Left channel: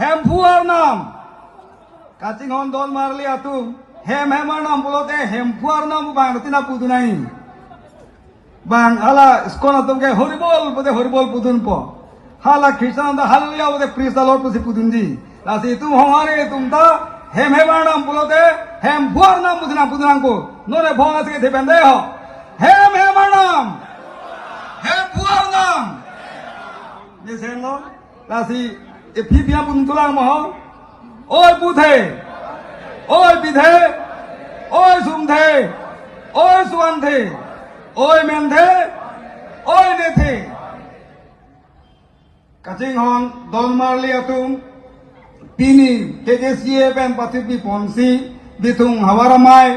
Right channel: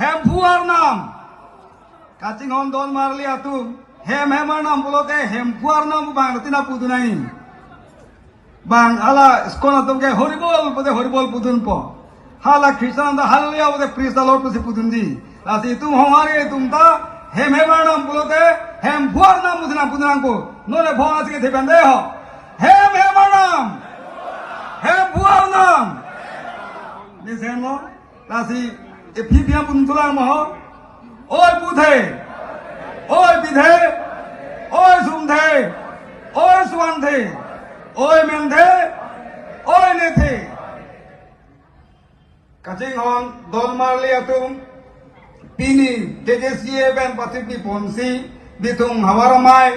হেমফুয়ার নাম কাচিং হন দল মারলি আতু হেমার নাম বলতে হেমফুয়ার নাম বাংলাতে পুদু নাই বাং আলা স্কোনা তোকে হরিবল পুদুন প hala Krishna da halia ode Krishna lord pusi pudunji ati tum hamare tum ta hemar naam bolote hem bhuar naam budna budnan ko nore bhoa থেকে দেবেন দে হ hemar naam hem bhuar naam listen no ati e phibia puntula mo or budhe or bidhe or sumdhe or sugandhe or mendhe or nethe Kacing hong dol marli atung pini TKCA ben patip di ponsi bitung hawaramai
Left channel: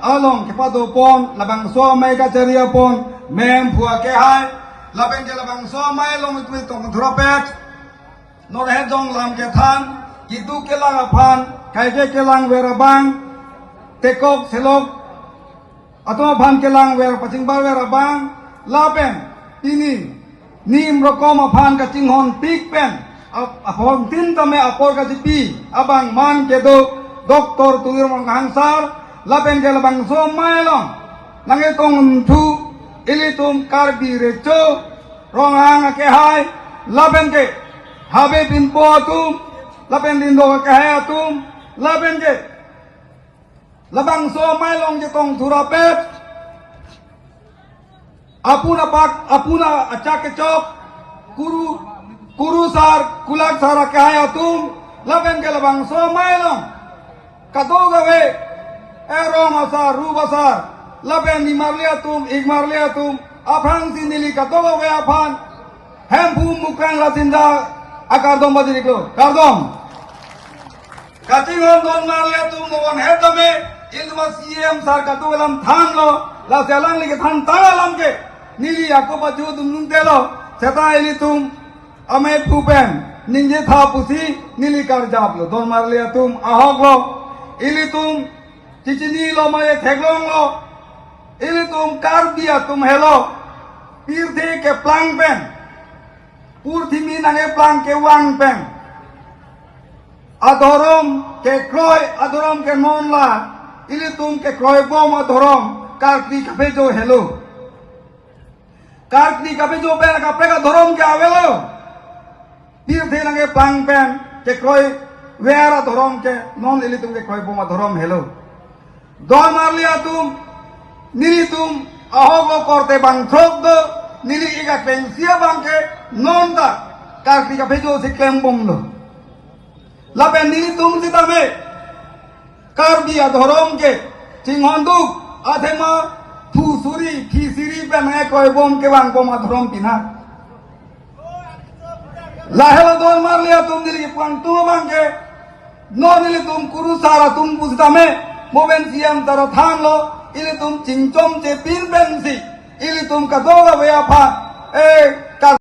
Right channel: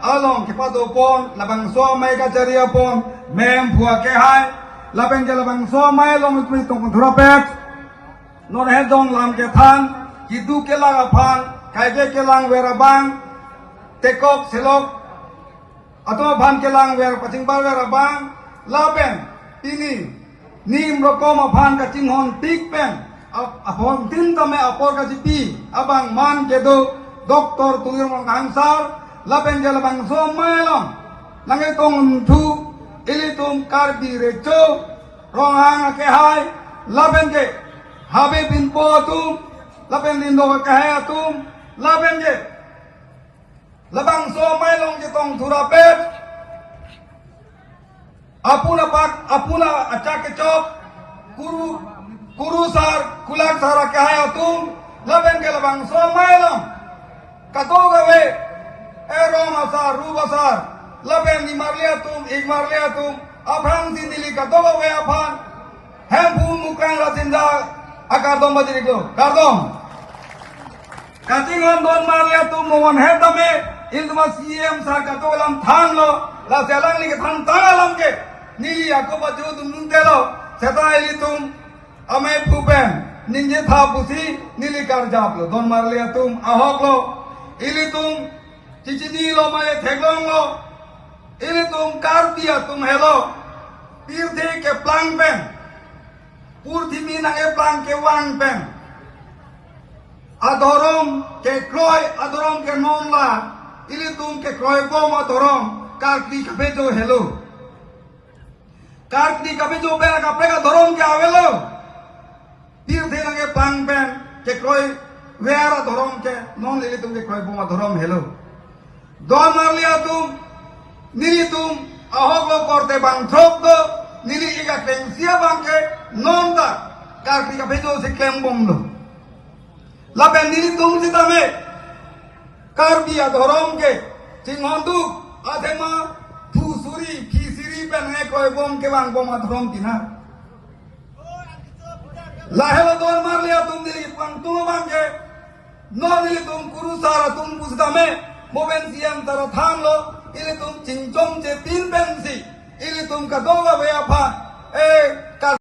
along kepado pon labang so mai kaceria pon mem phua ke hai labeng ke labang so mai long tui tong thropet nor he dong lam ke than idu ke la phan kai ke lang werabang tekok selok atau bhan ke lang wer paching bar werabang labeng pini nim rokom aphan ka chinghon tik pen apon tin kame apor ka pi abang man ke do doktor tuyong hangsar lapen ke labang so mailong nange kong thu ilitum karbi recho ronghang ke hai lapen ke habe bin po atum lapen din do ke hai atum lapen ke labang so mailong ke kong thurapet apuna acak kecok kuru sar kulak sara kaya tum laben ke labang somai lang kato gawe rom asar ru basar laben di marlia tum apang sindili kato gawe apang hem pun mukan la sinda akadom badiri do kadom katingan don marlia tum mon hetame ilma CM sar kato lam than lo la selang li ke than talam ke nili aku baju tum kelo seta ini tum ame pupen ninje tha pusi nili kar jap lo don marle tum ahok lo ini tum cicini lo mare theglong lo ini tum kar dia tum helo pir the ke plang pen pur thimi nange plang ke wang pen adorom ke kroy adorom ke monla ini tum ke kroy bom adorom kar ki kabe jo helo Karti kape jo pe kape ka dorom ke avelo tir the lange pang pen ke koi wera dorom ke non eli tum ke koi boma dorom helo don arli atum nili tum ahogo korte bang thok do nili iga pensia bang ke non da karti kape jo se kem bom do lapen nili tum sitame karbi dorom ke chinghonduk athema Fusuri, kisiri penai koi bom ke bang bom adrom pina. Lahela don marlia tum dili pang tu bang ke no dili tum kuru sara tum pusdame moben siam tara thang lo ili tum chingchom che pin bensi ili tum kadoga veya pa